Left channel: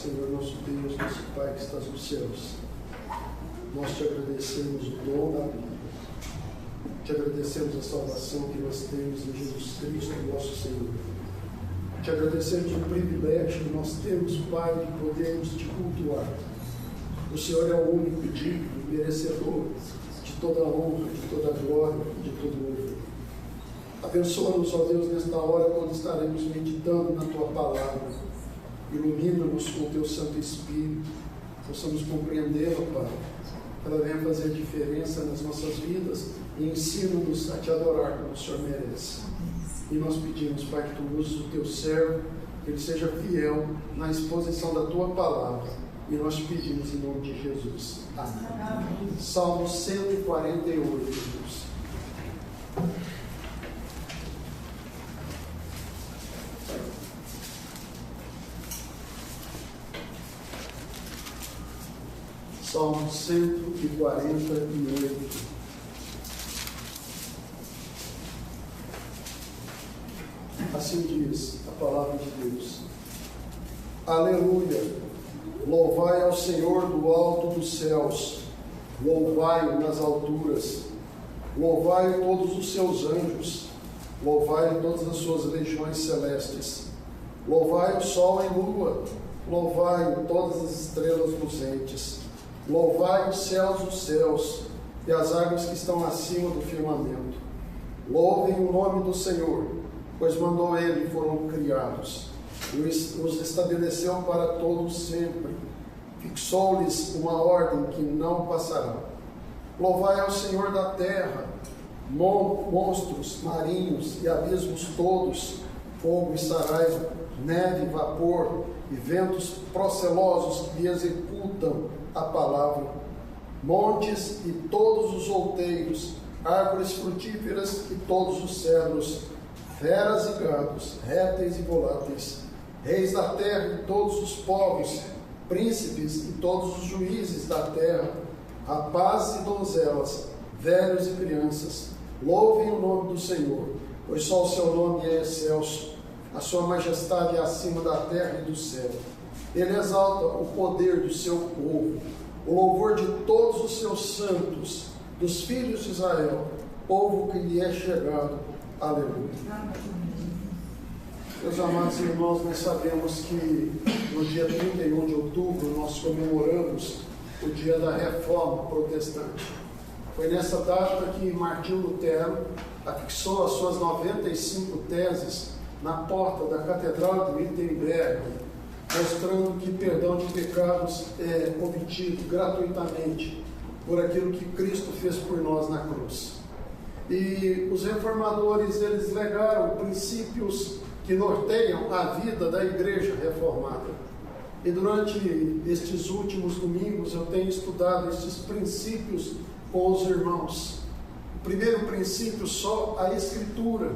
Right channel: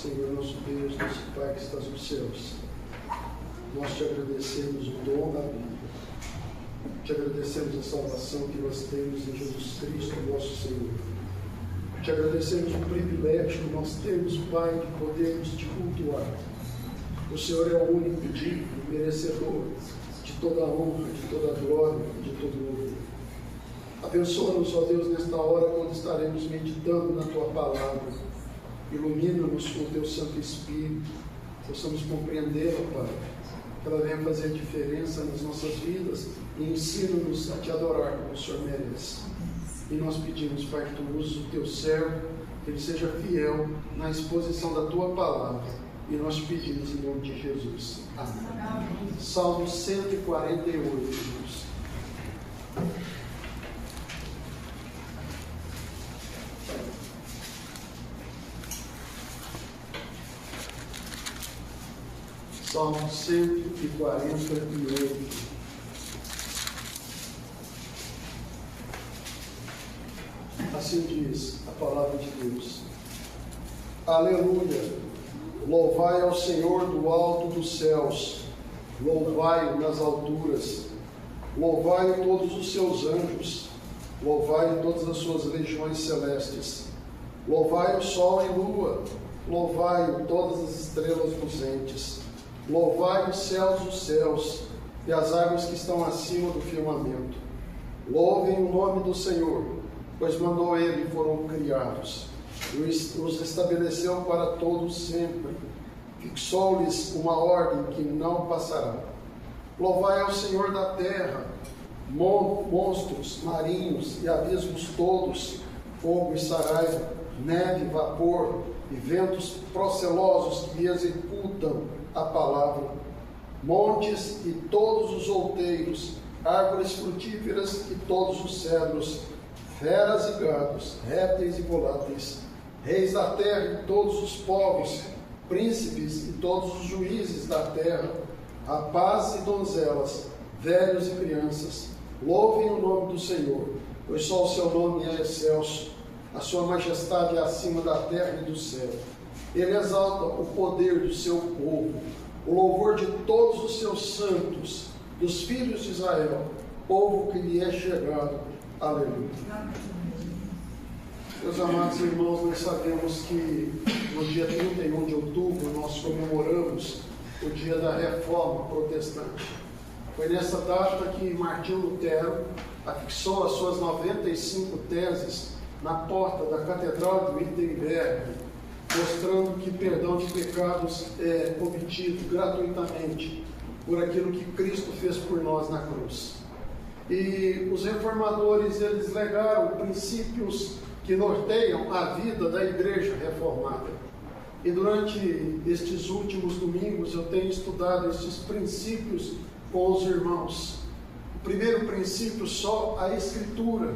Senhor nosso Deus, nosso Pai que estás nos céus, nós te agradecemos o dom da vida, te agradecemos a salvação que nós temos em Jesus Cristo, nosso Senhor. Te agradecemos o privilégio que nós temos, Pai, de podermos te cultuar. O Senhor é o único digno, merecedor de toda a honra, de toda a glória, de todo o louvor. Abençoa-nos, ó Deus, nesta hora, quando estaremos meditando na Tua palavra. Ilumina-nos com o Teu Santo Espírito, possamos compreendê-la, Pai, que ela venha fazer diferença nas nossas vidas e ensina-nos a Te adorar como o Senhor merece. E nós pedimos, Pai, que Tu uses o Teu servo, que ele seja fiel na exposição da Tua palavra. E nós pedimos em nome de Jesus. Amém. Salmo 148, irmãos. Salmo 148. Assim diz a palavra de Deus. Aleluia! Louvai ao Senhor do alto dos céus, louvai-o nas alturas, louvai todos os seus anjos, louvai todas as suas legiões celestes, louvai o sol e lua, louvai todas as estrelas luzentes, louvai os céus dos céus e as águas que estão acima do firmamento. Louvem o nome do Senhor, pois mandou ele e foram criados. Os estabeleceu para todos sempre, fixou-lhes uma ordem que não passará. Louvai ao Senhor da terra, monstros marinhos e abismos todos, fogo e saraiva, neve e vapor, e ventos procelosos que executam a palavra, montes e todos os outeiros, árvores frutíferas e todos os cedros, feras e gados, répteis e voláteis, reis da terra e todos os povos, príncipes e todos os juízes da terra, rapazes e donzelas, velhos e crianças, louvem o nome do Senhor, pois só o seu nome é excelso, a sua majestade é acima da terra e do céu. Ele exalta o poder do seu povo, o louvor de todos os seus santos, dos filhos de Israel, povo que lhe é chegado. Aleluia. Meus amados irmãos, nós sabemos que no dia 31 de outubro nós comemoramos o dia da Reforma Protestante. Foi nessa data que Martinho Lutero afixou as suas 95 teses na porta da Catedral de Wittenberg, mostrando que perdão de pecados é obtido gratuitamente por aquilo que Cristo fez por nós na cruz. E os reformadores, eles legaram princípios que norteiam a vida da igreja reformada. E durante estes últimos domingos eu tenho estudado estes princípios com os irmãos. O primeiro princípio, só a Escritura.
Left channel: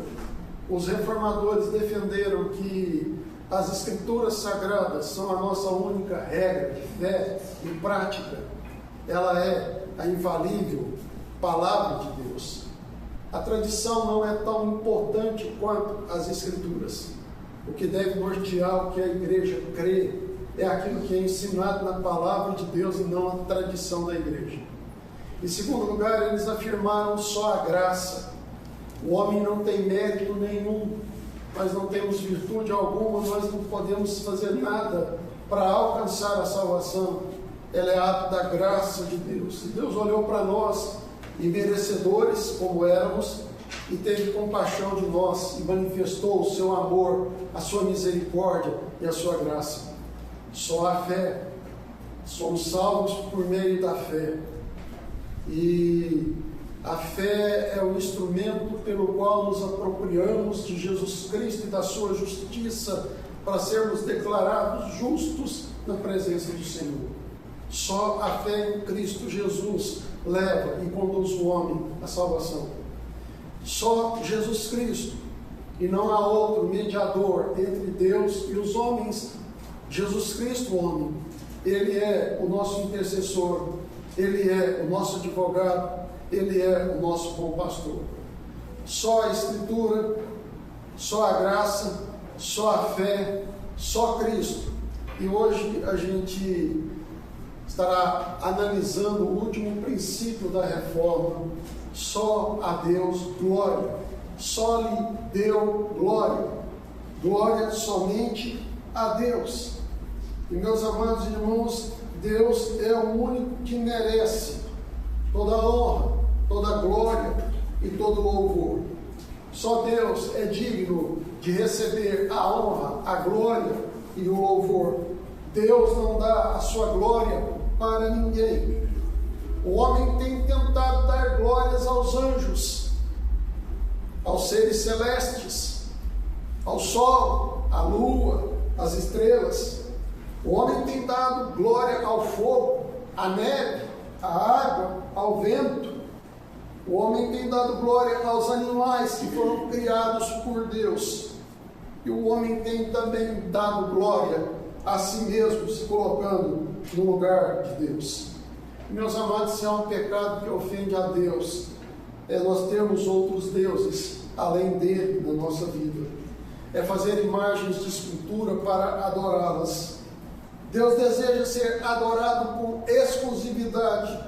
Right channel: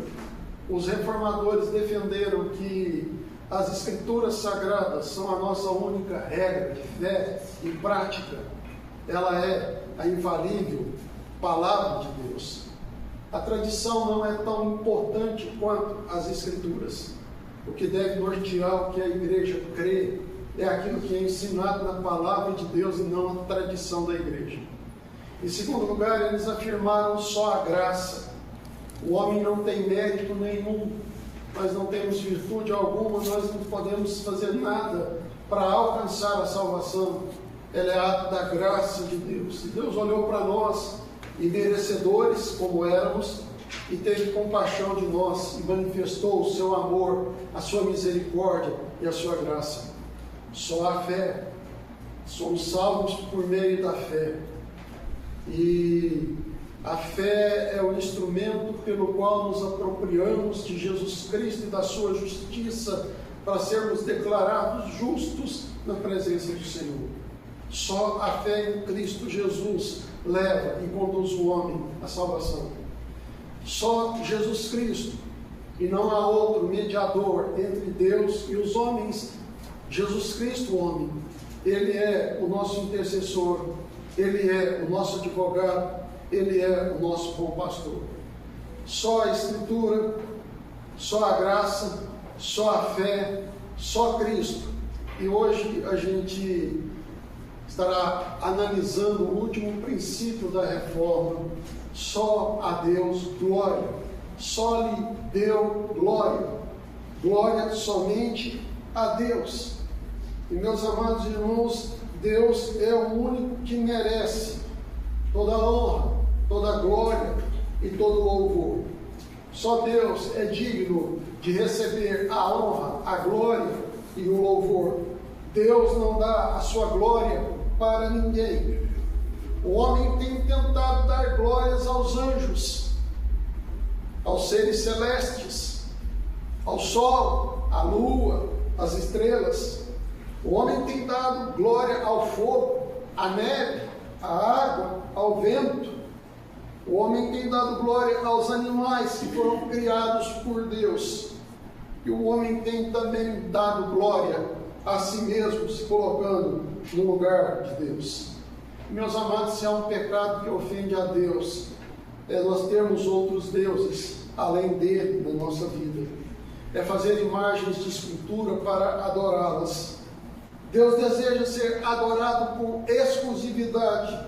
Os reformadores defenderam que as Escrituras sagradas são a nossa única regra de fé e prática. Ela é a infalível palavra de Deus. A tradição não é tão importante quanto as Escrituras. O que deve nortear o que a igreja crê é aquilo que é ensinado na palavra de Deus e não a tradição da igreja. Em segundo lugar, eles afirmaram só a graça. O homem não tem mérito nenhum, nós não temos virtude alguma, nós não podemos fazer nada para alcançar a salvação. Ela é ato da graça de Deus. E Deus olhou para nós, imerecedores como éramos, e teve compaixão de nós e manifestou o seu amor, a sua misericórdia e a sua graça. Só a fé. Somos salvos por meio da fé. E a fé é o instrumento pelo qual nos apropriamos de Jesus Cristo e da sua justiça para sermos declarados justos na presença do Senhor. Só a fé em Cristo Jesus leva e conduz o homem à salvação. Só Jesus Cristo, e não há outro mediador entre Deus e os homens. Jesus Cristo, homem, Ele é o nosso intercessor, Ele é o nosso advogado, Ele é o nosso bom pastor. Só a Escritura, só a graça, só a fé, só Cristo E hoje a gente estará analisando o último princípio da reforma. Só a Deus glória. Só lhe deu glória. Glória somente a Deus. E meus amados irmãos, Deus é o único que merece toda a honra, toda a glória e todo o louvor. Só Deus é digno de receber a honra, a glória e o louvor. Deus não dá a sua glória para ninguém. O homem tem tentado dar glórias aos anjos, aos seres celestes, ao sol, à lua, às estrelas. O homem tem dado glória ao fogo, à neve, à água, ao vento. O homem tem dado glória aos animais que foram criados por Deus. E o homem tem também dado glória a si mesmo, se colocando no lugar de Deus. Meus amados, se há um pecado que ofende a Deus, é nós termos outros deuses além dele na nossa vida. É fazer imagens de escultura para adorá-las. Deus deseja ser adorado com exclusividade.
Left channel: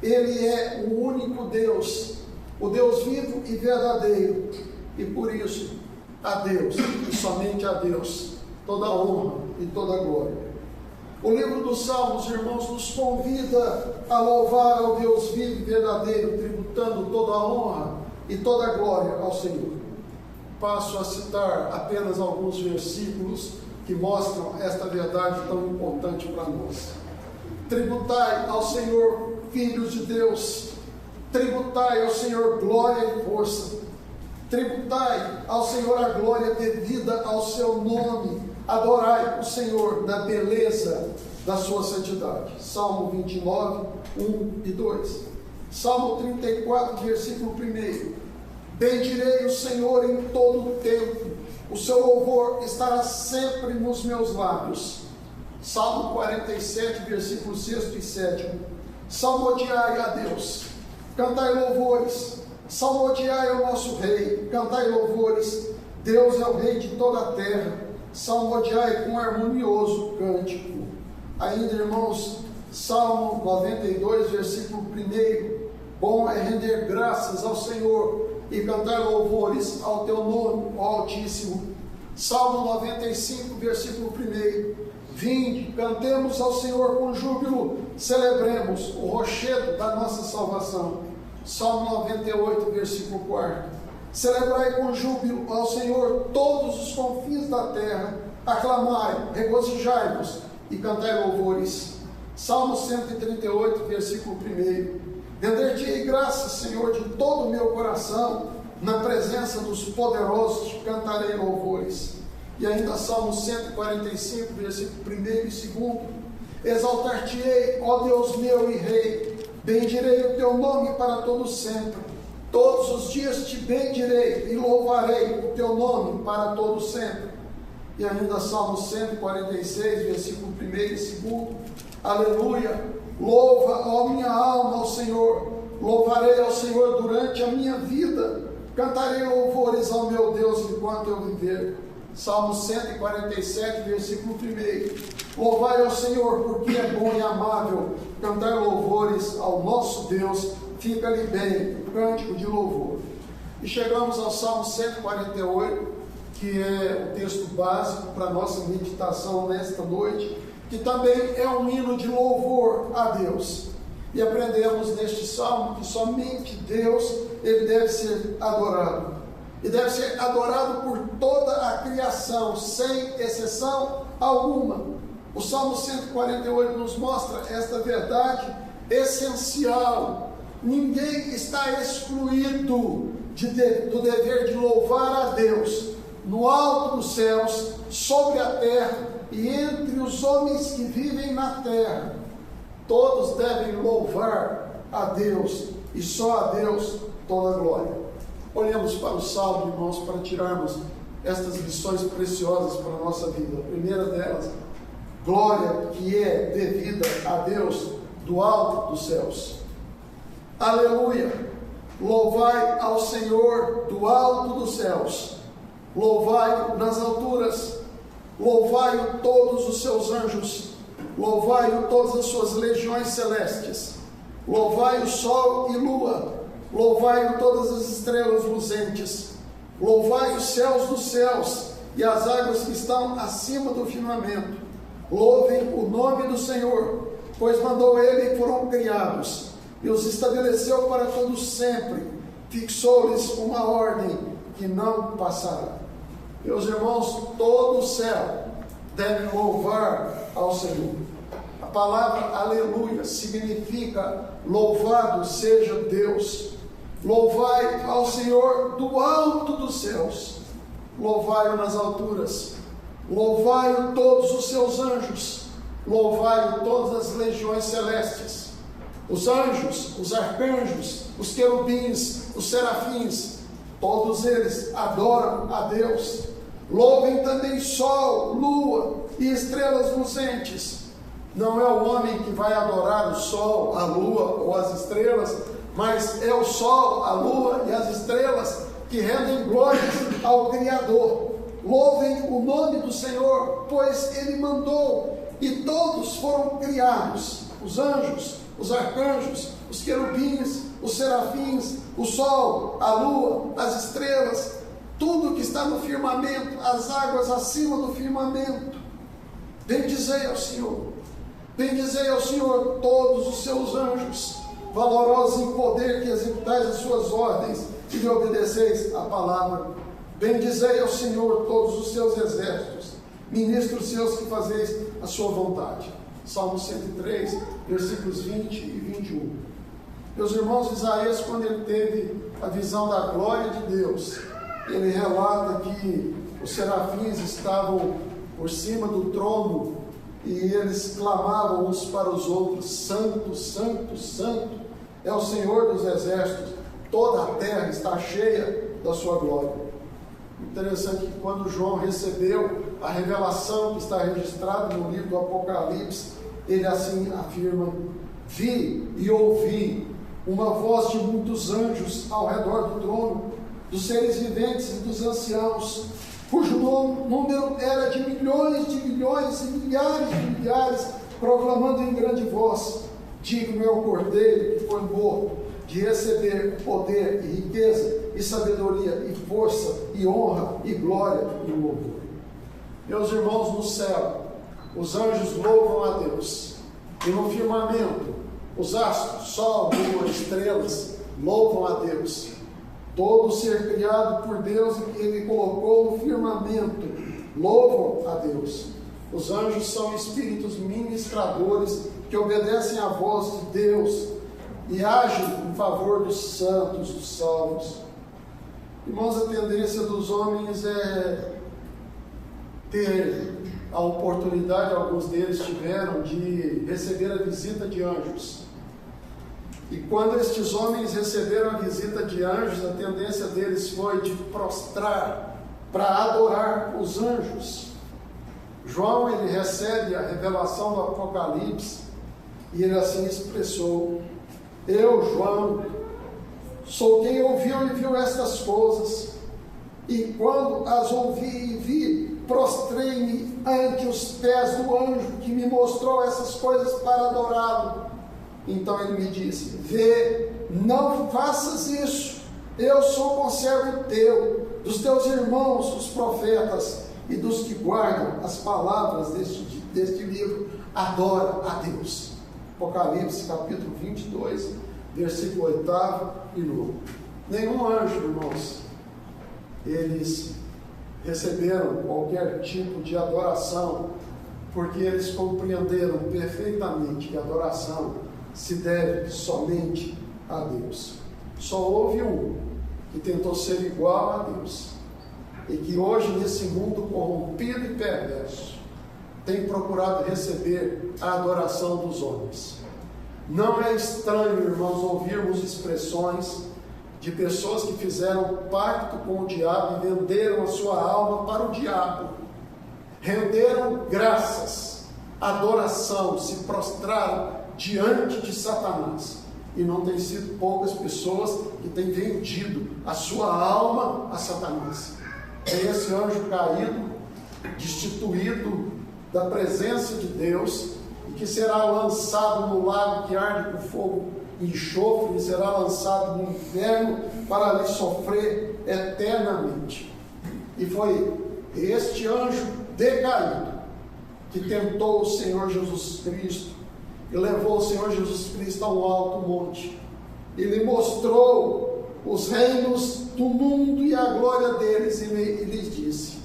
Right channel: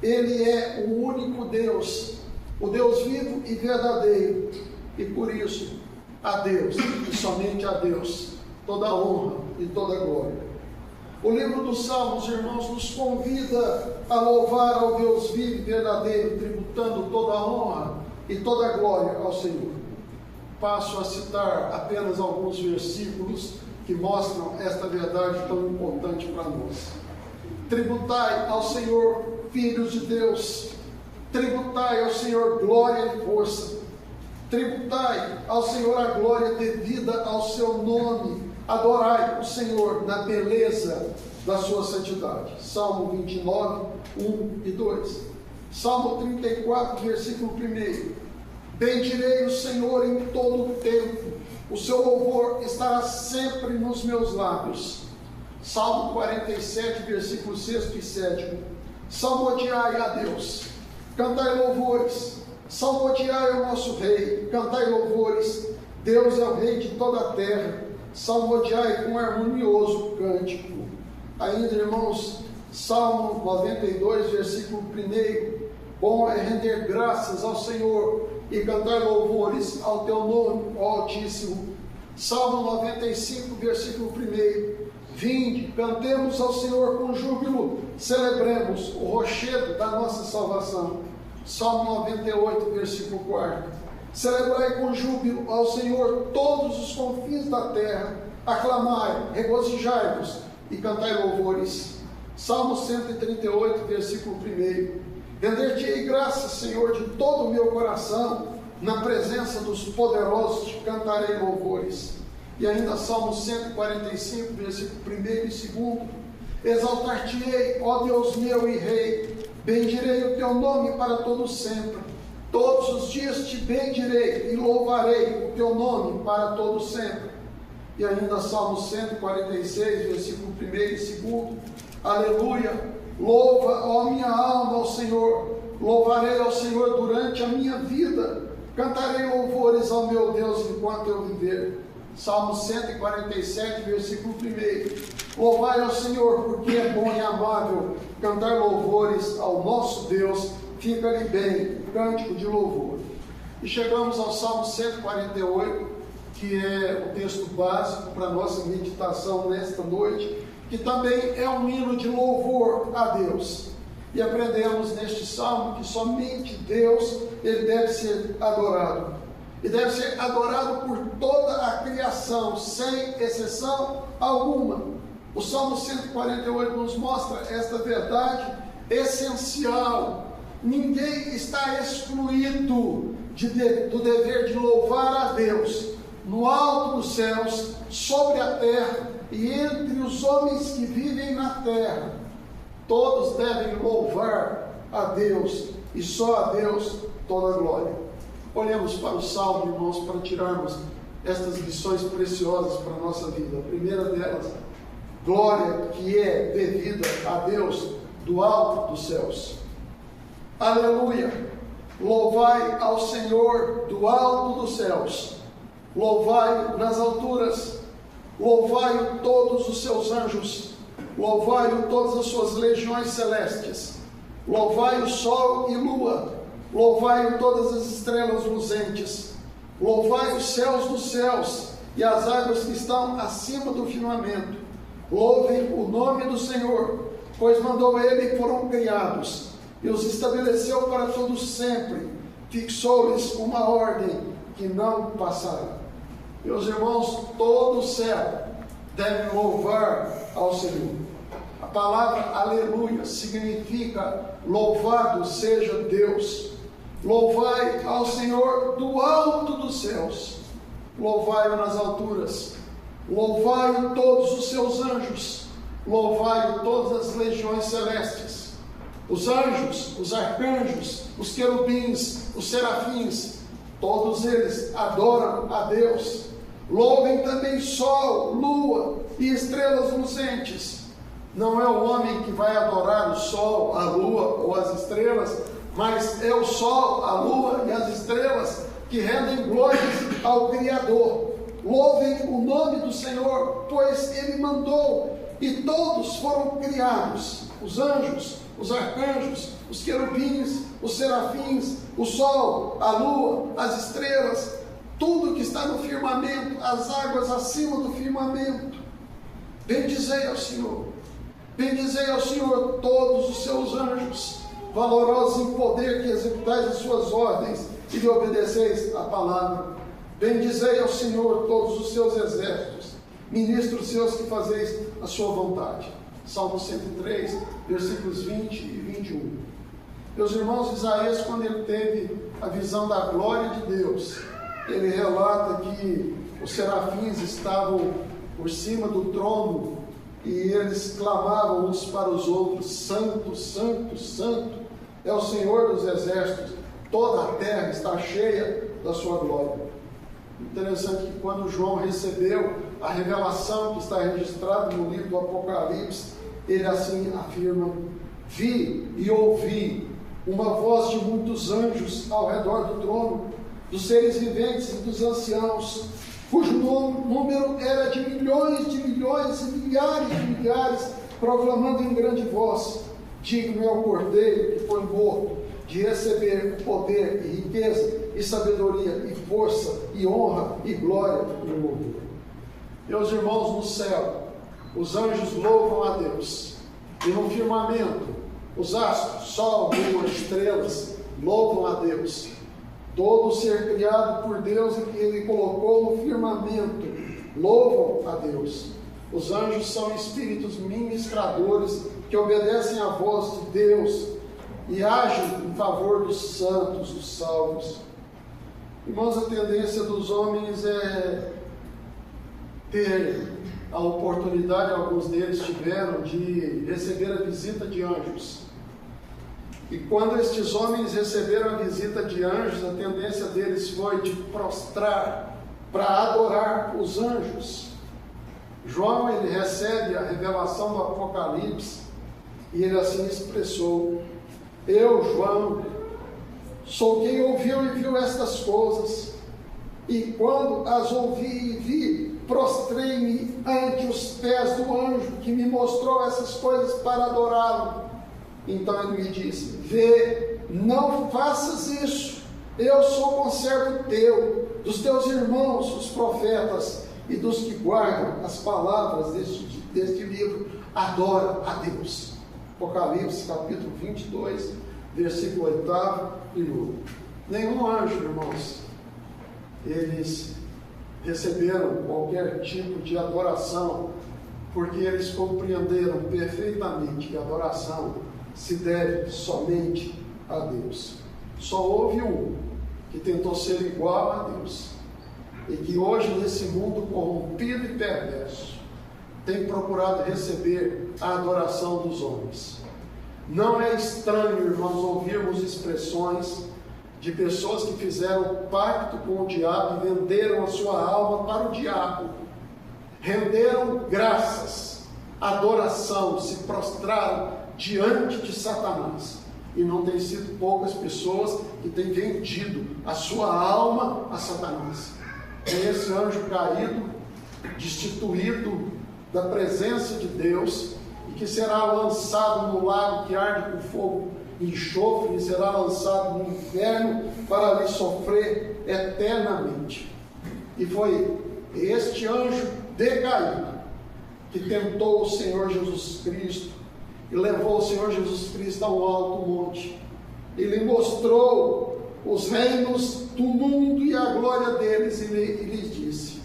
Ele é o único Deus, o Deus vivo e verdadeiro. E por isso, a Deus, e somente a Deus, toda a honra e toda a glória. O livro dos Salmos, irmãos, nos convida a louvar ao Deus vivo e verdadeiro, tributando toda a honra e toda a glória ao Senhor. Passo a citar apenas alguns versículos que mostram esta verdade tão importante para nós. Tributai ao Senhor, filhos de Deus. Tributai ao Senhor glória e força. Tributai ao Senhor a glória devida ao seu nome. Adorai o Senhor na beleza da sua santidade. Salmo 29, 1 e 2. Salmo 34, versículo 1. Bendirei o Senhor em todo o tempo. O seu louvor estará sempre nos meus lábios. Salmo 47, versículos 6 e 7. Salmodiai a Deus. Cantai louvores. Salmodiai ao nosso Rei. Cantai louvores. Deus é o Rei de toda a terra. Salmodiai com harmonioso cântico. Ainda, irmãos, Salmo 92, versículo 1. Bom é render graças ao Senhor e cantar louvores ao teu nome, ó Altíssimo. Salmo 95, versículo 1. Vinde, cantemos ao Senhor com júbilo, celebremos o rochedo da nossa salvação. Salmo 98, versículo 4. Celebrai com júbilo ao Senhor todos os confins da terra, aclamai, regozijai-vos e cantai louvores. Salmo 138, versículo 1. Render-te-ei graças, Senhor, de todo o meu coração, na presença dos poderosos te cantarei louvores. E ainda Salmo 145, versículo 1 e 2. Exaltar-te-ei, ó Deus meu e Rei, bendirei o teu nome para todo sempre. Todos os dias te bendirei e louvarei o teu nome para todo sempre. E ainda Salmo 146, versículo 1 e 2. Aleluia! Louva, ó minha alma, ao Senhor. Louvarei ao Senhor durante a minha vida. Cantarei louvores ao meu Deus enquanto eu viver. Salmo 147, versículo 1. Louvai ao Senhor, porque é bom e amável. Cantar louvores ao nosso Deus. Fica-lhe bem o cântico de louvor. E chegamos ao Salmo 148, que é o texto básico para a nossa meditação nesta noite, que também é um hino de louvor a Deus. E aprendemos neste salmo que somente Deus ele deve ser adorado. E deve ser adorado por toda a criação, sem exceção alguma. O Salmo 148 nos mostra esta verdade essencial. Ninguém está excluído do dever de louvar a Deus no alto dos céus, sobre a terra e entre os homens que vivem na terra. Todos devem louvar a Deus e só a Deus toda a glória. Olhemos para o Salmo, irmãos, para tirarmos estas lições preciosas para a nossa vida. A primeira delas, glória que é devida a Deus do alto dos céus. Aleluia! Louvai ao Senhor do alto dos céus. Louvai nas alturas. louvai-o todos os seus anjos, louvai-o todas as suas legiões celestes, louvai o sol e lua, louvai-o todas as estrelas luzentes, louvai os céus dos céus e as águas que estão acima do firmamento. Louvem o nome do Senhor, pois mandou ele e foram criados, e os estabeleceu para todos sempre, fixou-lhes uma ordem que não passará. Meus irmãos, todo o céu deve louvar ao Senhor. A palavra aleluia significa louvado seja Deus. Louvai ao Senhor do alto dos céus, louvai-o nas alturas, louvai-o todos os seus anjos, louvai-o todas as legiões celestes, os anjos, os arcanjos, os querubins, os serafins, todos eles adoram a Deus. Louvem também sol, lua e estrelas luzentes. Não é o homem que vai adorar o sol, a lua ou as estrelas, mas é o sol, a lua e as estrelas que rendem glórias ao Criador. Louvem o nome do Senhor, pois Ele mandou, e todos foram criados, os anjos, os arcanjos, os querubins, os serafins, o sol, a lua, as estrelas, tudo que está no firmamento, as águas acima do firmamento. Bendizei ao Senhor, bendizei ao Senhor todos os seus anjos, valorosos em poder, que executais as suas ordens e lhe obedeceis a palavra. Bendizei ao Senhor todos os seus exércitos, ministros seus que fazeis a sua vontade. Salmo 103, versículos 20 e 21. Meus irmãos, Isaías, quando ele teve a visão da glória de Deus, ele relata que os serafins estavam por cima do trono e eles clamavam uns para os outros: Santo, Santo, Santo é o Senhor dos exércitos, toda a terra está cheia da sua glória. Interessante que quando João recebeu a revelação que está registrada no livro do Apocalipse, ele assim afirma: vi e ouvi uma voz de muitos anjos ao redor do trono, dos seres viventes e dos anciãos, cujo número era de milhões e milhares de milhares, proclamando em grande voz: digno é o Cordeiro que foi morto de receber o poder e riqueza e sabedoria e força e honra e glória e louvor. Meus irmãos, no céu os anjos louvam a Deus, e no firmamento os astros, sol, lua, estrelas louvam a Deus. Todo ser criado por Deus e que Ele colocou no firmamento louvam a Deus. Os anjos são espíritos ministradores que obedecem à voz de Deus e agem em favor dos santos, dos salvos. Irmãos, a tendência dos homens é ter a oportunidade, alguns deles tiveram, de receber a visita de anjos. E quando estes homens receberam a visita de anjos, a tendência deles foi de prostrar para adorar os anjos. João, ele recebe a revelação do Apocalipse e ele assim expressou: eu, João, sou quem ouviu e viu estas coisas, e quando as ouvi e vi, prostrei-me ante os pés do anjo que me mostrou essas coisas para adorá-lo. Então ele me disse: vê, não faças isso, eu sou conservo teu, dos teus irmãos, os profetas, e dos que guardam as palavras deste livro, adora a Deus. Apocalipse capítulo 22, versículo 8 e 9. Nenhum anjo, irmãos, eles receberam qualquer tipo de adoração, porque eles compreenderam perfeitamente que a adoração se deve somente a Deus. Só houve um que tentou ser igual a Deus, e que hoje, nesse mundo corrompido e perverso, tem procurado receber a adoração dos homens. Não é estranho, irmãos, ouvirmos expressões de pessoas que fizeram pacto com o diabo e venderam a sua alma para o diabo, renderam graças, adoração, se prostraram diante de Satanás. E não tem sido poucas pessoas que têm vendido a sua alma a Satanás. É esse anjo caído destituído da presença de Deus, e que será lançado no lago que arde com fogo e enxofre, e será lançado no inferno para ali sofrer eternamente. E foi este anjo decaído que tentou o Senhor Jesus Cristo e levou o Senhor Jesus Cristo a um alto monte. Ele mostrou os reinos do mundo e a glória deles, e lhes disse:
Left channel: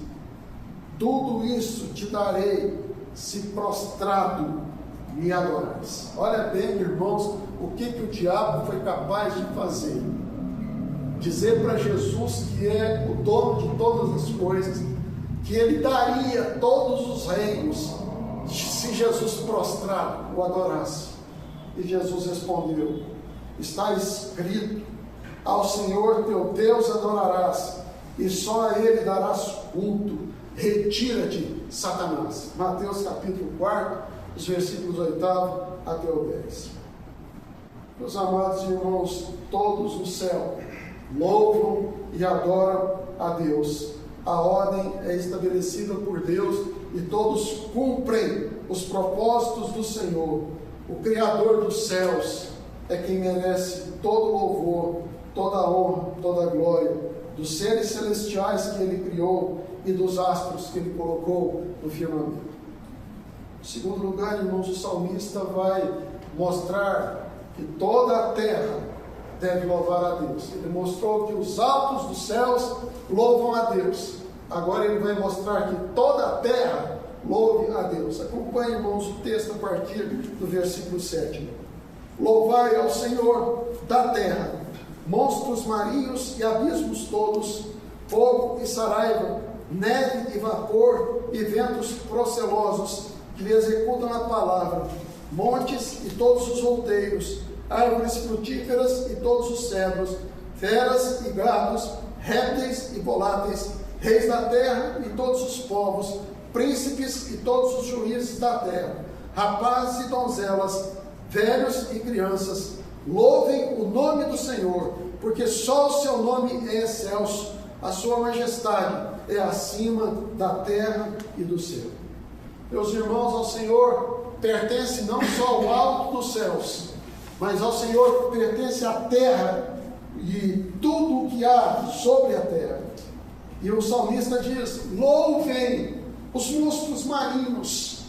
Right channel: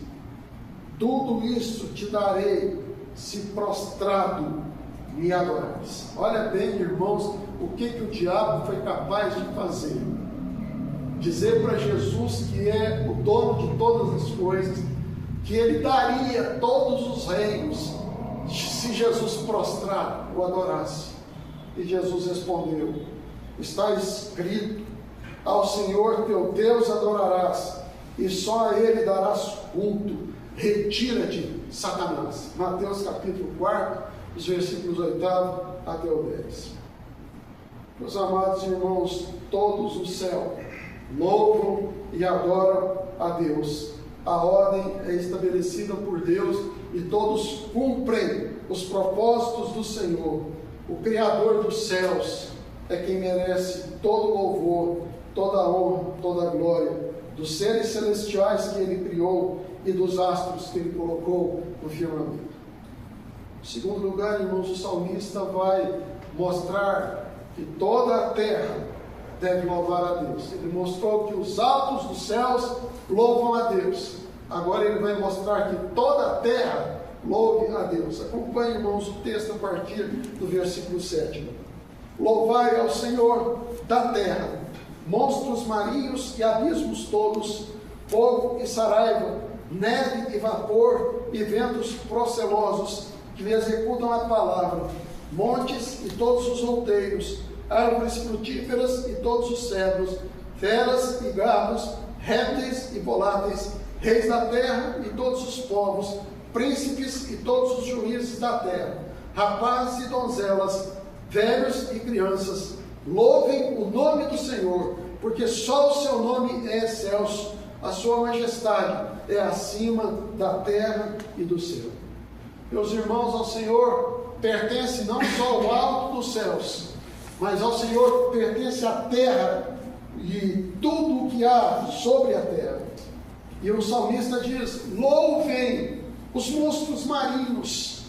tudo isso te darei, se prostrado me adorares. Olha bem, irmãos, o que o diabo foi capaz de fazer. Dizer para Jesus que é o dono de todas as coisas, que ele daria todos os reinos se Jesus prostrado o adorasse. E Jesus respondeu: está escrito, ao Senhor teu Deus adorarás, e só a ele darás culto. Retira-te, Satanás. Mateus capítulo 4, os versículos 8 até o 10. Meus amados irmãos, todos no céu louvam e adoram a Deus. A ordem é estabelecida por Deus e todos cumprem os propósitos do Senhor. O Criador dos céus é quem merece todo louvor, toda honra, toda glória, dos seres celestiais que Ele criou e dos astros que Ele colocou no firmamento. Em segundo lugar, irmãos, o salmista vai mostrar que toda a terra deve louvar a Deus. Ele mostrou que os altos dos céus louvam a Deus. Agora ele vai mostrar que toda a terra louve a Deus. Acompanhe, irmãos, o texto a partir do versículo 7. Louvai ao Senhor da terra, monstros marinhos e abismos todos, fogo e saraiva, neve e vapor e ventos procelosos que lhe executam a palavra, montes e todos os outeiros, árvores frutíferas e todos os cedros, feras e gados, répteis e voláteis, reis da terra e todos os povos, príncipes e todos os juízes da terra, rapazes e donzelas, velhos e crianças, louvem o nome do Senhor, porque só o seu nome é excelso, a sua majestade é acima da terra e do céu. Meus irmãos, ao Senhor pertence não só o alto dos céus, mas ao Senhor pertence a terra e tudo o que há sobre a terra. E o salmista diz: louvem os monstros marinhos,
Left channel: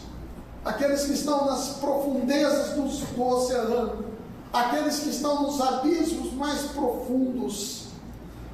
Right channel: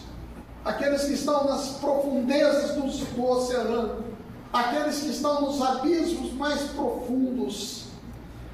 aqueles que estão nas profundezas do oceano, aqueles que estão nos abismos mais profundos,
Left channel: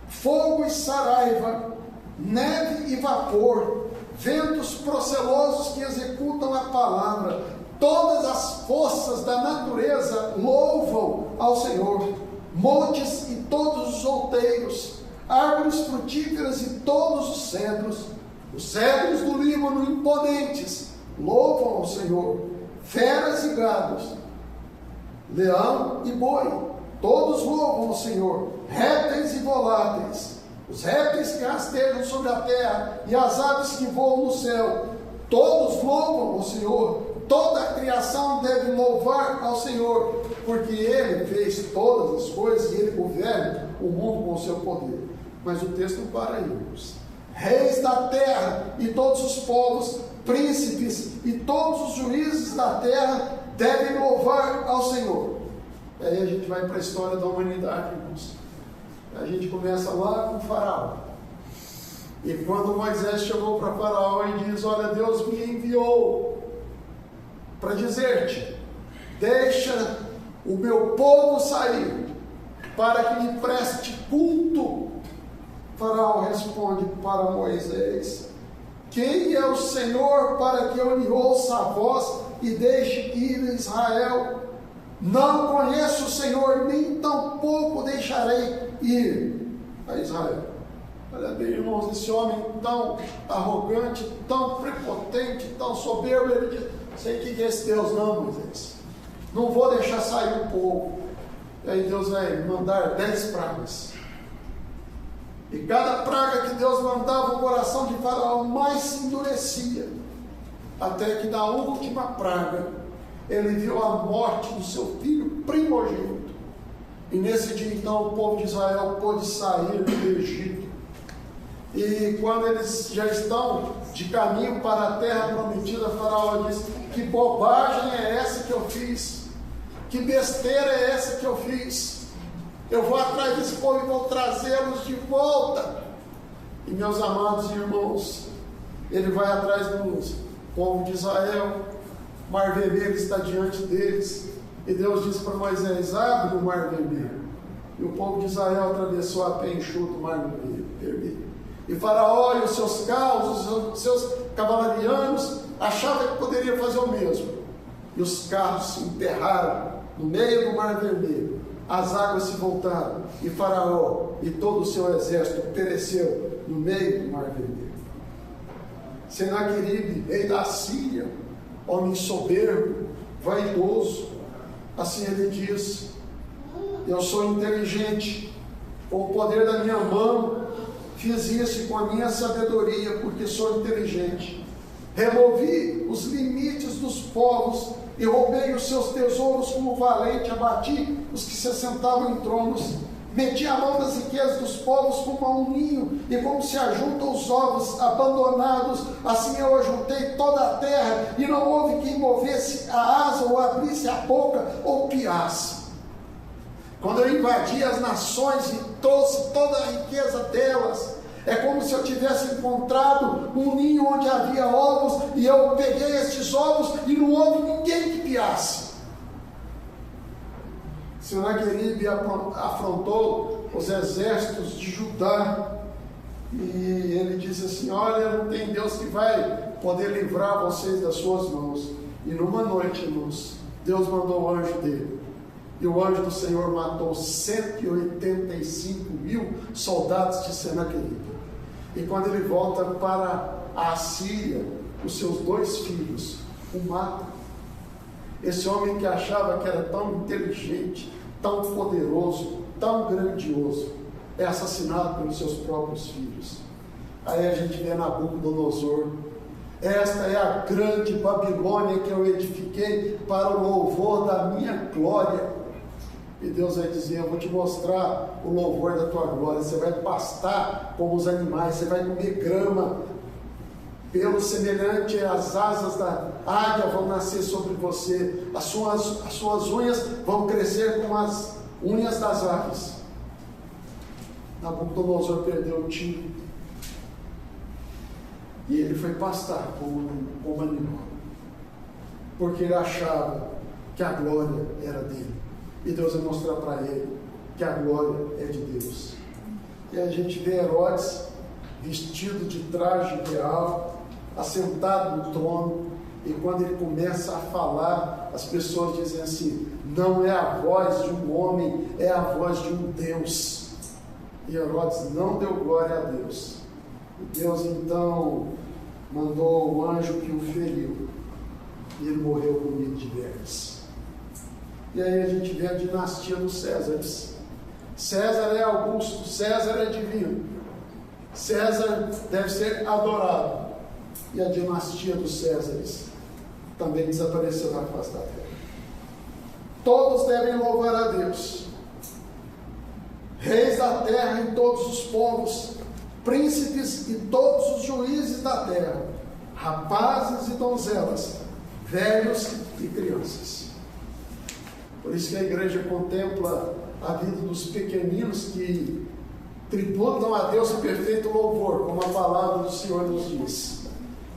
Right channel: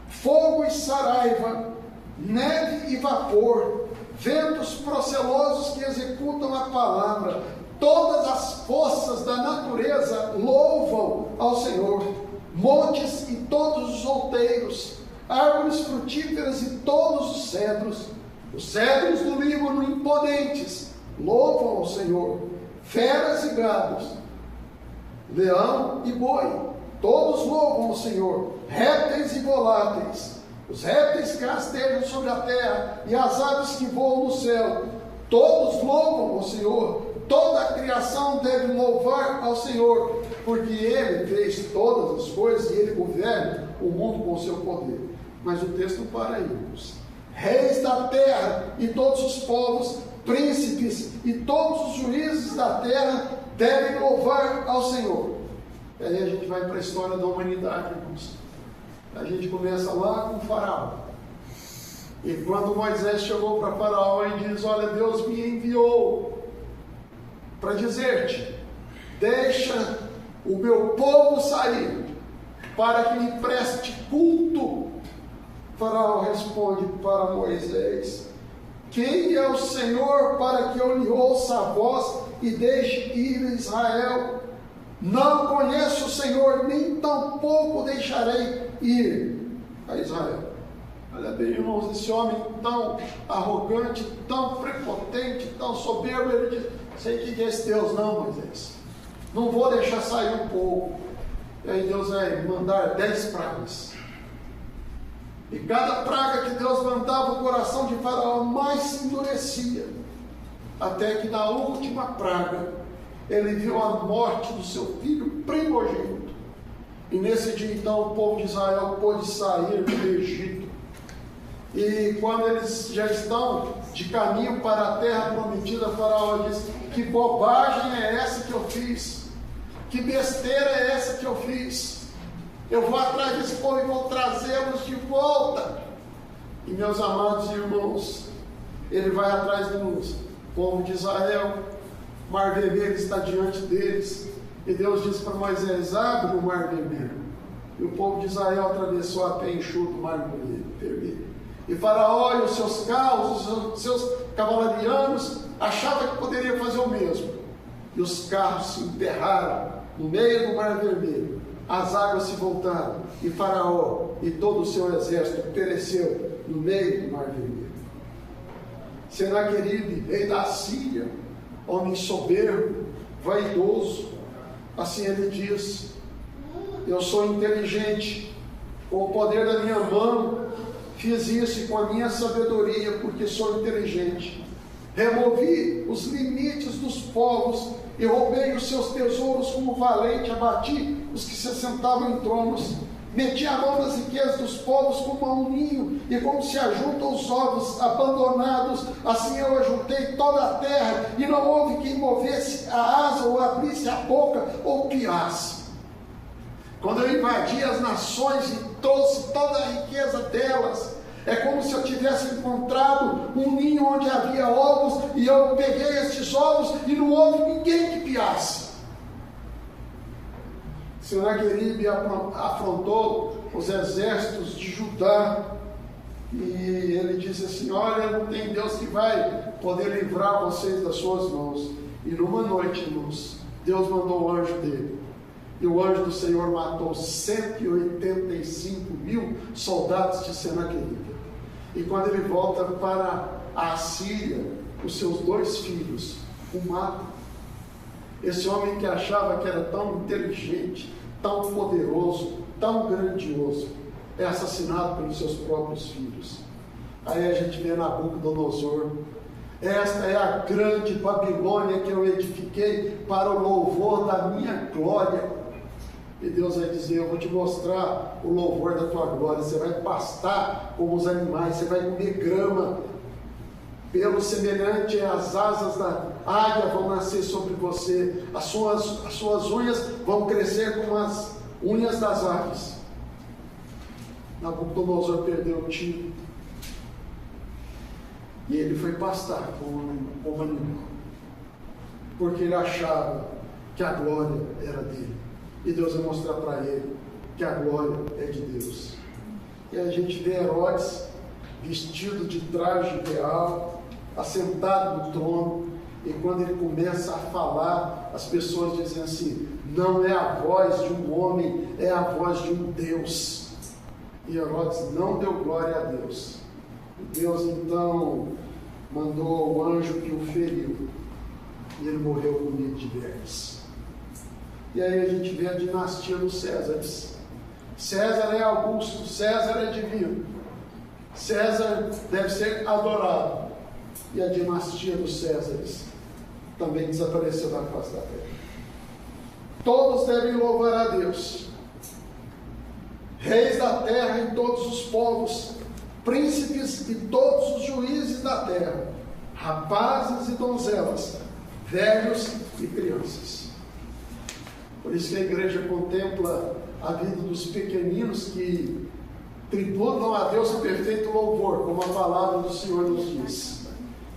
fogo e saraiva, neve e vapor, ventos procelosos que executam a palavra, todas as forças da natureza louvam ao Senhor, montes e todos os outeiros, árvores frutíferas e todos os cedros do Líbano imponentes, louvam ao Senhor, feras e gados, leão e boi, todos louvam ao Senhor, répteis e voláteis, os répteis que rastejam sobre a terra e as aves que voam no céu, todos louvam ao Senhor. Toda a criação deve louvar ao Senhor, porque Ele fez todas as coisas e Ele governa o mundo com o seu poder. Mas o texto não para aí, irmãos. Reis da terra e todos os povos, príncipes e todos os juízes da terra devem louvar ao Senhor. E aí a gente vai para a história da humanidade, irmãos. A gente começa lá com Faraó. E quando Moisés chegou para Faraó e diz: olha, Deus me enviou para dizer-te, deixa o meu povo sair, para que me preste culto. Faraó responde para Moisés: quem é o Senhor para que eu lhe ouça a voz e deixe ir Israel? Não conheço o Senhor, nem tampouco deixarei ir a Israel. Olha bem, irmãos, esse homem tão arrogante, tão prepotente, tão soberbo, ele diz: sei que é esse Deus não, Moisés, não vou deixar sair o povo. E aí Deus vai mandar 10 pragas. E cada praga que Deus mandava, o coração de Faraó mais se endurecia, até que na última praga ele viu a morte do seu filho primogênito. E nesse dia então o povo de Israel pôde sair do Egito. E quando eles já estão de caminho para a terra prometida, Faraó disse: que bobagem é essa que eu fiz? Que besteira é essa que eu fiz? Eu vou atrás desse povo e vou trazê-los de volta. E meus amados irmãos, ele vai atrás do povo de Israel, o Mar Vermelho está diante deles, e Deus disse para Moisés: abre o Mar Vermelho. E o povo de Israel atravessou a pé enxuto o Mar Vermelho. E Faraó e os seus carros, os seus cavalarianos, achavam que poderiam fazer o mesmo. E os carros se enterraram no meio do Mar Vermelho. As águas se voltaram, e Faraó e todo o seu exército pereceu no meio do Mar Vermelho. Senaqueribe, rei da Síria, homem soberbo, vaidoso, assim ele diz: eu sou inteligente, com o poder da minha mão fiz isso, e com a minha sabedoria, porque sou inteligente, removi os limites dos povos e roubei os seus tesouros como valente, abati os que se sentavam em tronos, meti a mão nas riquezas dos povos como a um ninho, e como se ajuntam os ovos abandonados, assim eu ajuntei toda a terra, e não houve quem movesse a asa, ou abrisse a boca, ou piasse. Quando eu invadi as nações e trouxe toda a riqueza delas, é como se eu tivesse encontrado um ninho onde havia ovos, e eu peguei esses ovos e não houve ninguém que piasse. Senaqueribe afrontou os exércitos de Judá, e ele disse assim: olha, não tem Deus que vai poder livrar vocês das suas mãos. E numa noite, irmãos, Deus mandou o anjo dele, e o anjo do Senhor matou 185 mil soldados de Senaqueribe. E quando ele volta para a Síria, os seus 2 filhos o matam. Esse homem que achava que era tão inteligente, tão poderoso, tão grandioso, é assassinado pelos seus próprios filhos. Aí a gente vê Nabucodonosor: esta é a grande Babilônia que eu edifiquei para o louvor da minha glória. E Deus vai dizer: eu vou te mostrar o louvor da tua glória. Você vai pastar como os animais, você vai comer grama, pelo semelhante às asas da águia vão nascer sobre você, as suas unhas vão crescer como as unhas das aves. Nabucodonosor perdeu o tiro, e ele foi pastar como animal, porque ele achava que a glória era dele. E Deus vai mostrar para ele que a glória é de Deus. E a gente vê Herodes vestido de traje real, assentado no trono, e quando ele começa a falar, as pessoas dizem assim: não é a voz de um homem, é a voz de um Deus. E Herodes não deu glória a Deus. E Deus então mandou o anjo que o feriu, e ele morreu comido de vermes. E aí a gente vê a dinastia dos Césares. César é Augusto, César é divino, César deve ser adorado. E a dinastia dos Césares também desapareceu da face da terra. Todos devem louvar a Deus, reis da terra e todos os povos, príncipes e todos os juízes da terra, rapazes e donzelas, velhos e crianças. Por isso que a igreja contempla a vida dos pequeninos que tributam a Deus o perfeito louvor, como a palavra do Senhor nos diz.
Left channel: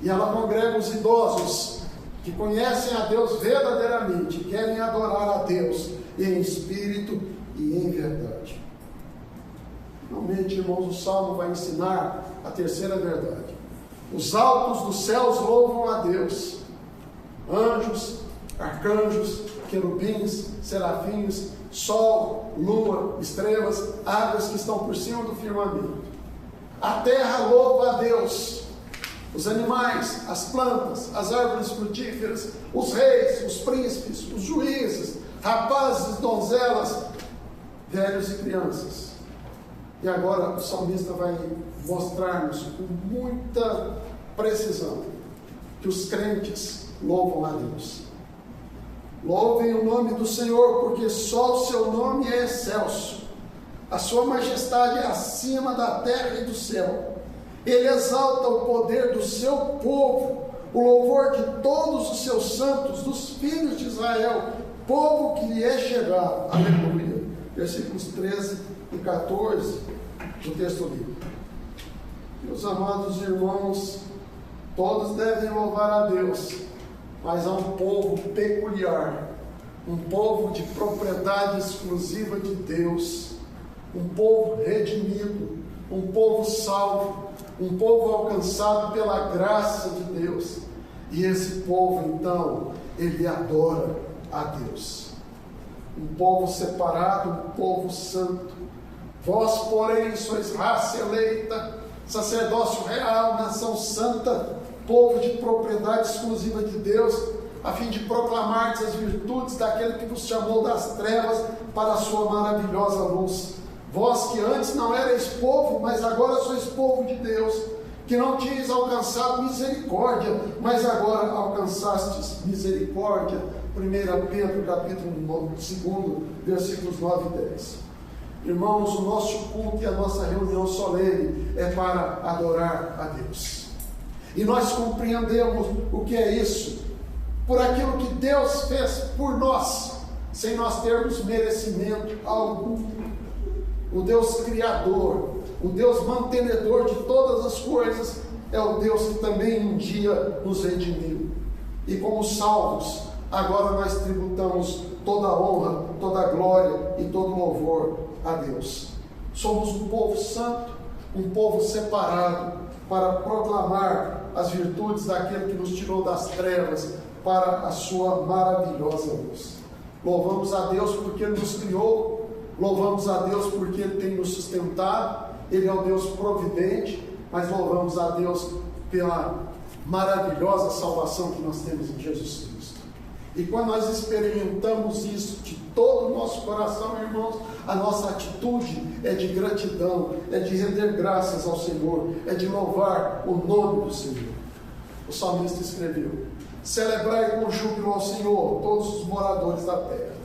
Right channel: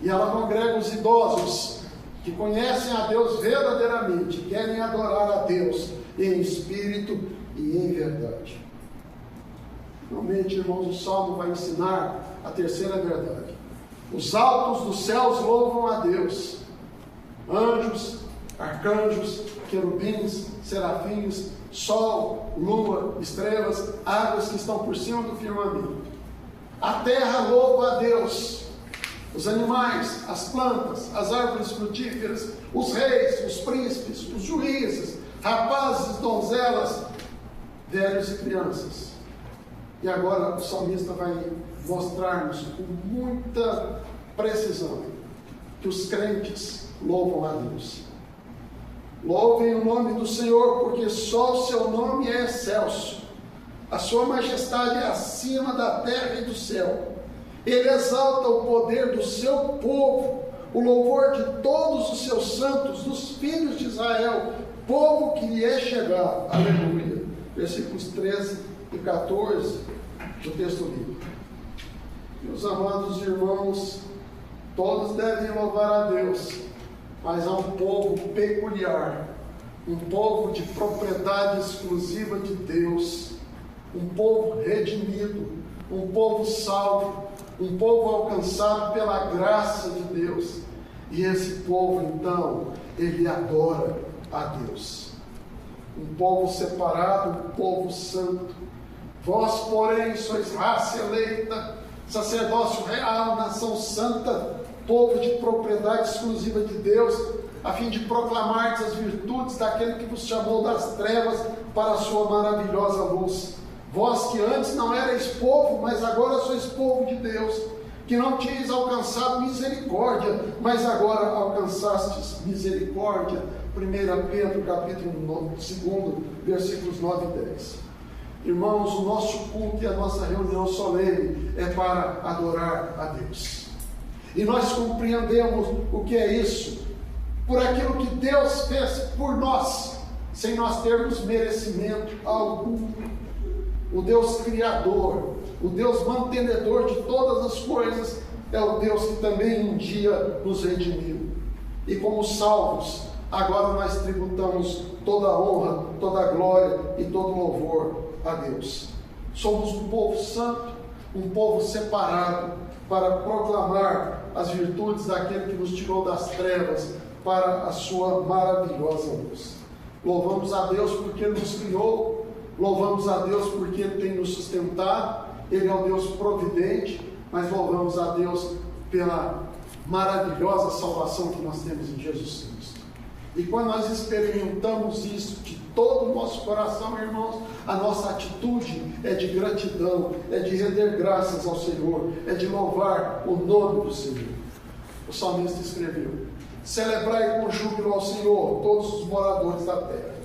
E ela congrega os idosos que conhecem a Deus verdadeiramente, querem adorar a Deus em espírito e em verdade. Finalmente, irmãos, o Salmo vai ensinar a terceira verdade. Os altos dos céus louvam a Deus. Anjos, arcanjos, querubins, serafins, sol, lua, estrelas, águas que estão por cima do firmamento. A terra louva a Deus. Os animais, as plantas, as árvores frutíferas, os reis, os príncipes, os juízes, rapazes, donzelas, velhos e crianças. E agora o salmista vai mostrar-nos com muita precisão que os crentes louvam a Deus. Louvem o nome do Senhor, porque só o seu nome é excelso. A sua majestade é acima da terra e do céu. Ele exalta o poder do seu povo, o louvor de todos os seus santos, dos filhos de Israel, povo que lhe é chegado. Aleluia. Versículos 13 e 14 do texto bíblico. Meus amados irmãos, todos devem louvar a Deus, mas há um povo peculiar, um povo de propriedade exclusiva de Deus, um povo redimido, um povo salvo, um povo alcançado pela graça de Deus. E esse povo, então, ele adora a Deus. Um povo separado, um povo santo. Vós, porém, sois raça eleita, sacerdócio real, nação santa, povo de propriedade exclusiva de Deus, a fim de proclamar as virtudes daquele que vos chamou das trevas para a sua maravilhosa luz. Vós que antes não erais povo, mas agora sois povo de Deus, que não tinhas alcançado misericórdia, mas agora alcançastes misericórdia. 1 Pedro, capítulo 2, versículos 9 e 10. Irmãos, o nosso culto e a nossa reunião solene é para adorar a Deus. E nós compreendemos o que é isso, por aquilo que Deus fez por nós, sem nós termos merecimento algum. O Deus Criador, o Deus mantenedor de todas as coisas, é o Deus que também um dia nos redimiu. E como salvos, agora nós tributamos toda a honra, toda a glória e todo o louvor a Deus. Somos um povo santo, um povo separado, para proclamar as virtudes daquele que nos tirou das trevas para a sua maravilhosa luz. Louvamos a Deus porque Ele nos criou, louvamos a Deus porque Ele tem nos sustentado, Ele é o Deus providente, mas louvamos a Deus pela maravilhosa salvação que nós temos em Jesus Cristo. E quando nós experimentamos isso de todo o nosso coração, irmãos, a nossa atitude é de gratidão, é de render graças ao Senhor, é de louvar o nome do Senhor. O salmista escreveu: celebrai com júbilo ao Senhor, todos os moradores da terra.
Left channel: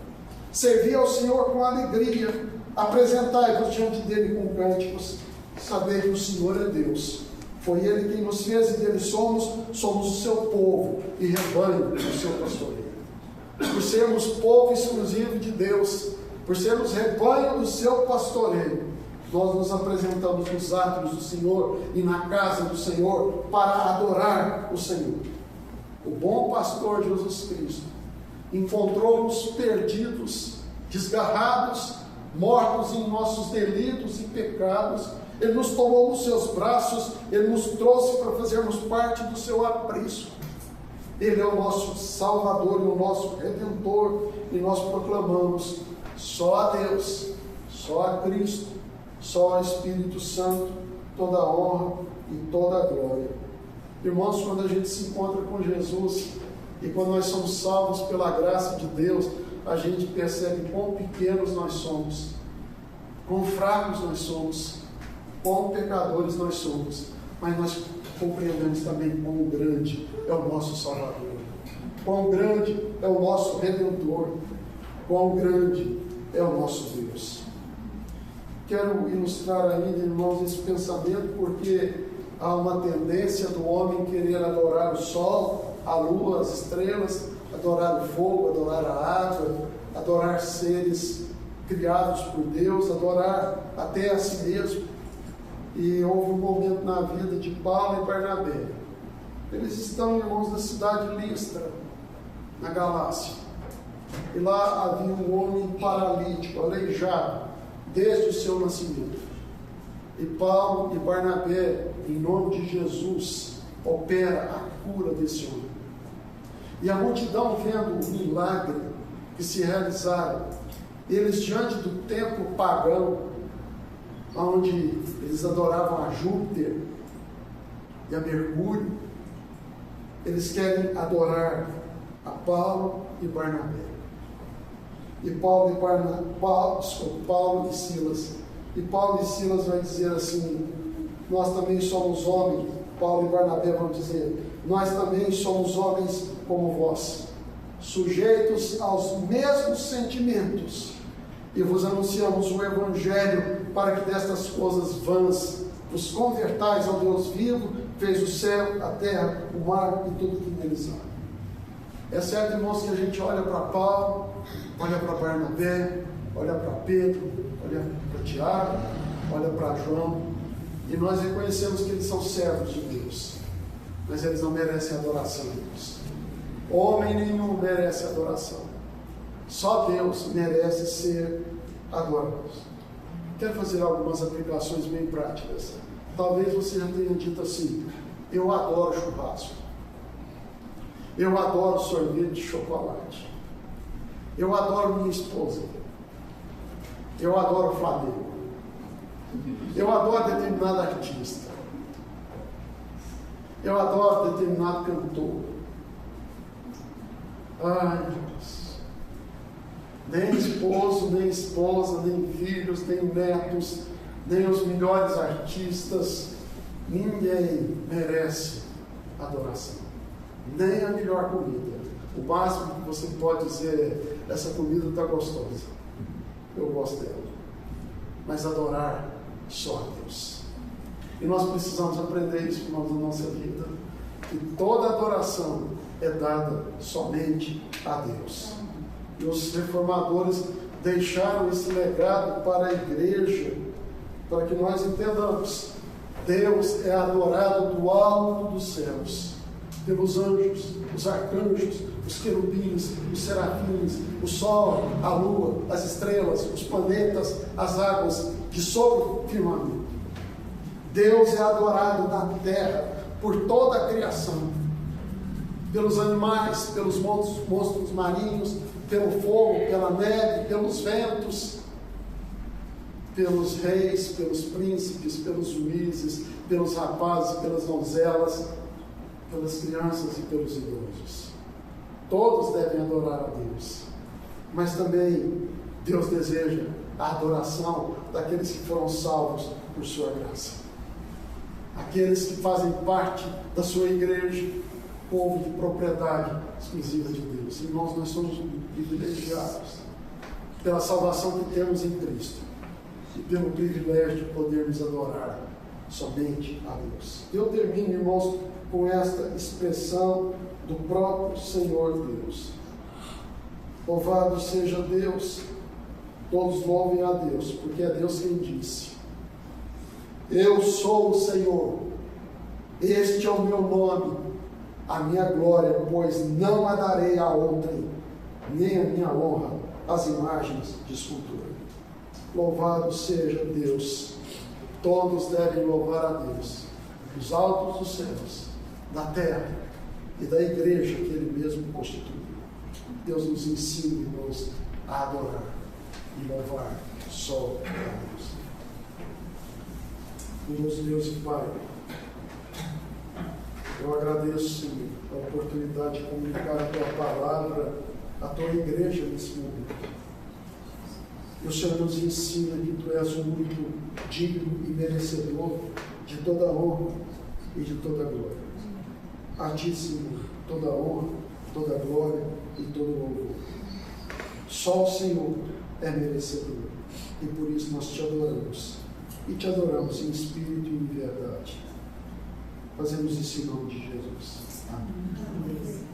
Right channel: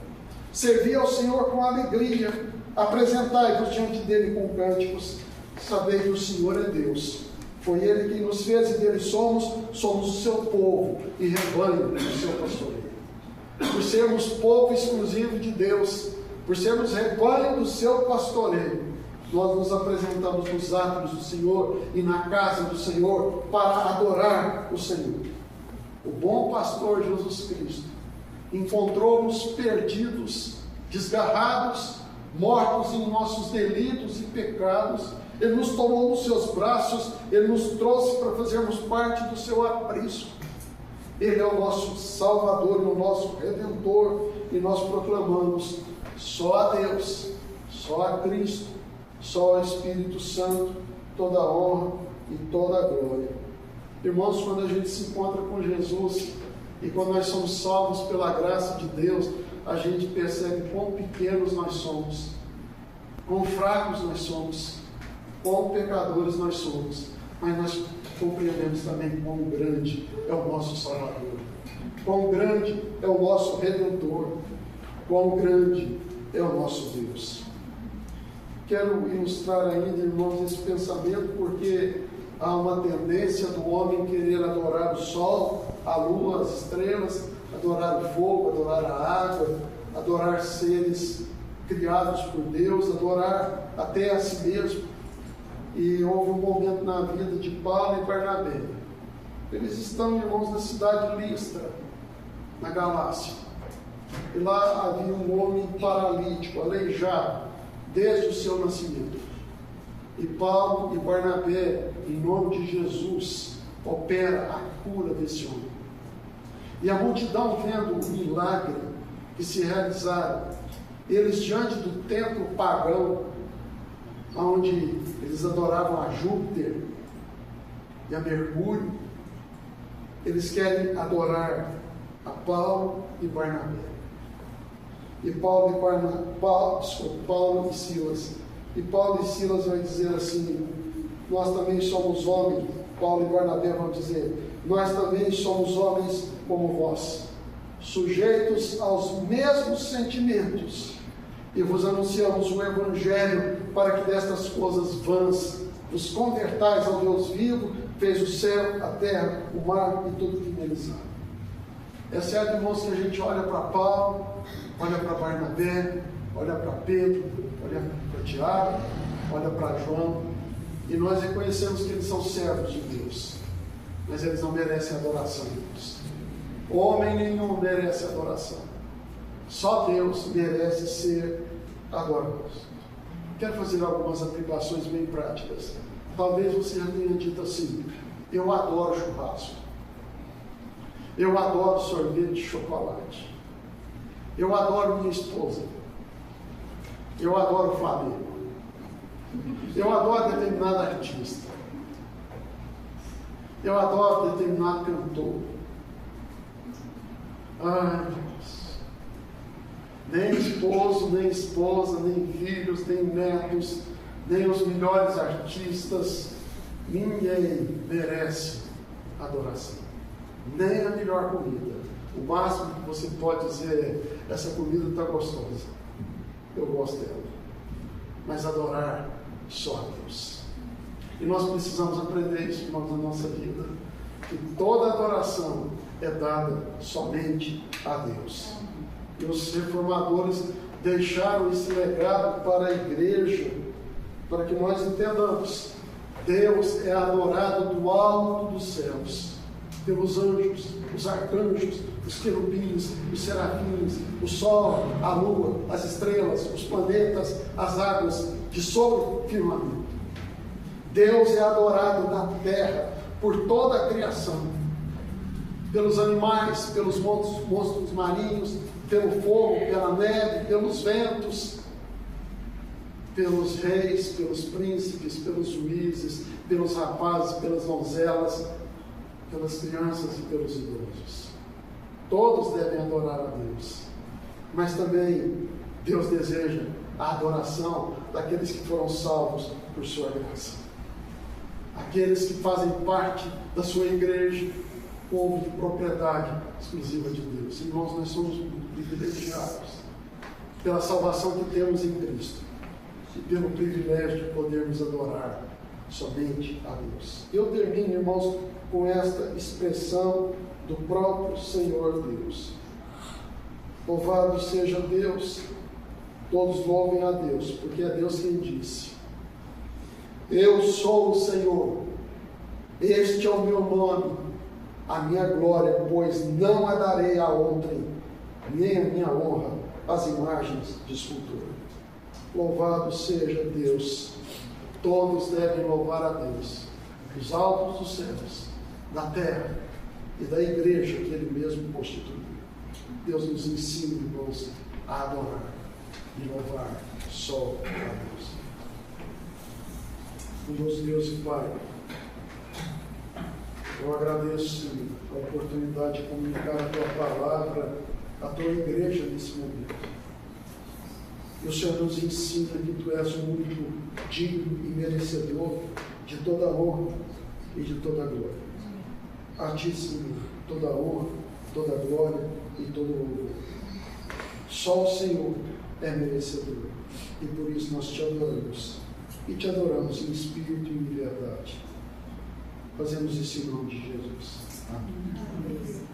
Servi ao Senhor com alegria, apresentai-vos diante dele com cânticos. Sabei que o Senhor é Deus. Foi Ele quem nos fez e dele somos o seu povo e rebanho do seu pastoreio. Por sermos povo exclusivo de Deus, por sermos rebanho do seu pastoreio, nós nos apresentamos nos átrios do Senhor e na casa do Senhor para adorar o Senhor. O bom pastor Jesus Cristo encontrou-nos perdidos, desgarrados, mortos em nossos delitos e pecados. Ele nos tomou nos seus braços, Ele nos trouxe para fazermos parte do seu aprisco. Ele é o nosso Salvador e o nosso Redentor, e nós proclamamos só a Deus, só a Cristo, só ao Espírito Santo, toda a honra e toda a glória. Irmãos, quando a gente se encontra com Jesus e quando nós somos salvos pela graça de Deus, a gente percebe quão pequenos nós somos, quão fracos nós somos, quão pecadores nós somos, mas nós compreendemos também quão grande é o nosso Salvador, quão grande é o nosso Redentor, quão grande é o nosso Deus. Quero ilustrar ainda, irmãos, esse pensamento, porque há uma tendência do homem querer adorar o sol, a lua, as estrelas, adorar o fogo, adorar a água, adorar seres criados por Deus, adorar até a si mesmo. E houve um momento na vida de Paulo e Barnabé. Eles estão, irmãos, na cidade de Listra, na Galácia. E lá havia um homem paralítico, aleijado, desde o seu nascimento. E Paulo e Barnabé, em nome de Jesus, opera a cura desse homem. E a multidão, vendo o milagre que se realizaram, eles diante do templo pagão, onde eles adoravam a Júpiter e a Mercúrio, eles querem adorar a Paulo e Barnabé. E Paulo e Silas. E Paulo e Silas vão dizer assim: nós também somos homens. Paulo e Barnabé vão dizer: nós também somos homens como vós, sujeitos aos mesmos sentimentos, e vos anunciamos o Evangelho para que destas coisas vãs Nos convertais ao Deus vivo, fez o céu, a terra, o mar e tudo que neles há. É certo, irmãos, que a gente olha para Paulo, olha para Barnabé, olha para Pedro, olha para Tiago, olha para João, e nós reconhecemos que eles são servos de Deus, mas eles não merecem adoração de Deus. Homem nenhum merece adoração. Só Deus merece ser adorado. Quero fazer algumas aplicações bem práticas. Talvez você já tenha dito assim: eu adoro churrasco, eu adoro sorvete de chocolate, eu adoro minha esposa, eu adoro Flamengo, eu adoro determinado artista, eu adoro determinado cantor. Ai, meu Deus. Nem esposo, nem esposa, nem filhos, nem netos, nem os melhores artistas, ninguém merece adoração. Nem a melhor comida. O máximo que você pode dizer é: essa comida está gostosa, eu gosto dela. Mas adorar só a Deus. E nós precisamos aprender isso, irmãos, na nossa vida, que toda adoração é dada somente a Deus. E os reformadores deixaram esse legado para a igreja, para que nós entendamos: Deus é adorado do alto dos céus, pelos anjos, os arcanjos, os querubins, os serafins, o sol, a lua, as estrelas, os planetas, as águas de sobre o firmamento. Deus é adorado na terra por toda a criação, pelos animais, pelos monstros marinhos, pelo fogo, pela neve, pelos ventos, pelos reis, pelos príncipes, pelos juízes, pelos rapazes, pelas donzelas, pelas crianças e pelos idosos. Todos devem adorar a Deus, mas também Deus deseja a adoração daqueles que foram salvos por sua graça, aqueles que fazem parte da sua igreja, povo de propriedade exclusiva de Deus. Irmãos, nós somos privilegiados pela salvação que temos em Cristo e pelo privilégio de podermos adorar somente a Deus. Eu termino, irmãos, com esta expressão do próprio Senhor Deus: louvado seja Deus, todos louvem a Deus, porque é Deus quem disse: eu sou o Senhor, este é o meu nome, a minha glória, pois não a darei a outrem, nem a minha honra às imagens de escultura. Louvado seja Deus, todos devem louvar a Deus, dos altos dos céus, da terra e da igreja que Ele mesmo constituiu. Deus nos ensina, irmãos, a adorar e louvar só a Deus. Deus, Deus e Pai, eu agradeço, Senhor, a oportunidade de comunicar a Tua palavra à Tua igreja nesse momento. E o Senhor nos ensina que Tu és o único digno e merecedor de toda honra e de toda glória. A Ti, Senhor, toda honra, toda glória e todo louvor. Só o Senhor é merecedor, e por isso nós Te adoramos, e Te adoramos em espírito e em verdade. Fazemos isso em nome de Jesus. Amém.